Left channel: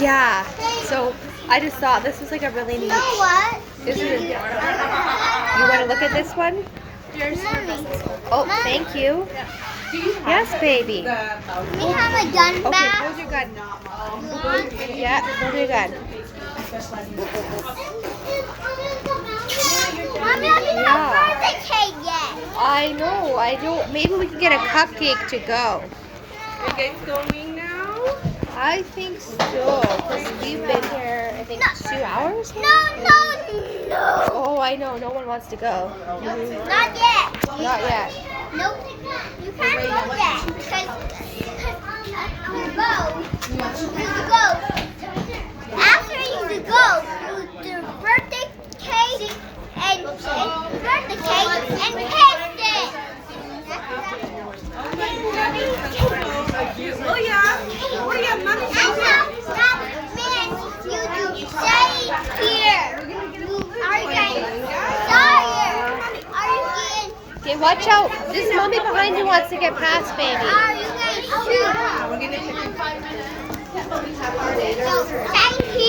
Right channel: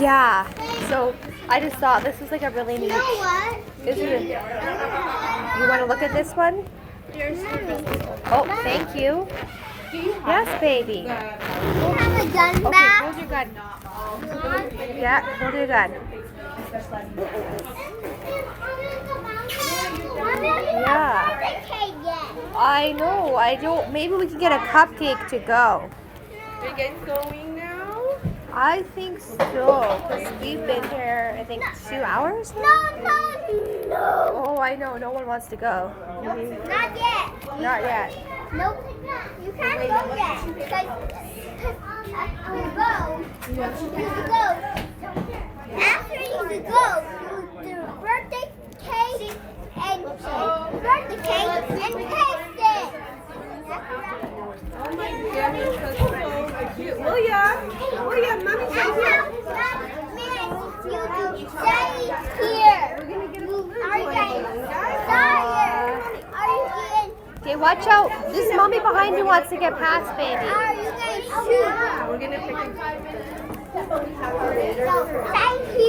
Yeah. So I just thought this was like a really neat. You know what? This is. You want to look at this one? Mommy. Oh, thank you. Yes, baby. You have a gun Okay, back? hold your gun. You want? Yeah, hold your gun. Mommy, I didn't Yeah. have birthday cake yet. I know. I don't. Maybe we can get a cupcake to go. Are you guys going now? I think so. Because we've been here, I think, 2 hours. No, no, no. Oh, I know. No one wants to go. Not yet. Not yet. Nope. You can't go there because you go. After you go, the birthday cake and birthday cake and paste it. Oh yeah. Oh yeah, mommy. That's how you do. Stay here. Are you guys? Are you getting? Okay, watch out. This mommy behind you wants to get past, baby. Are you guys shoot? We're gonna take So, stay here.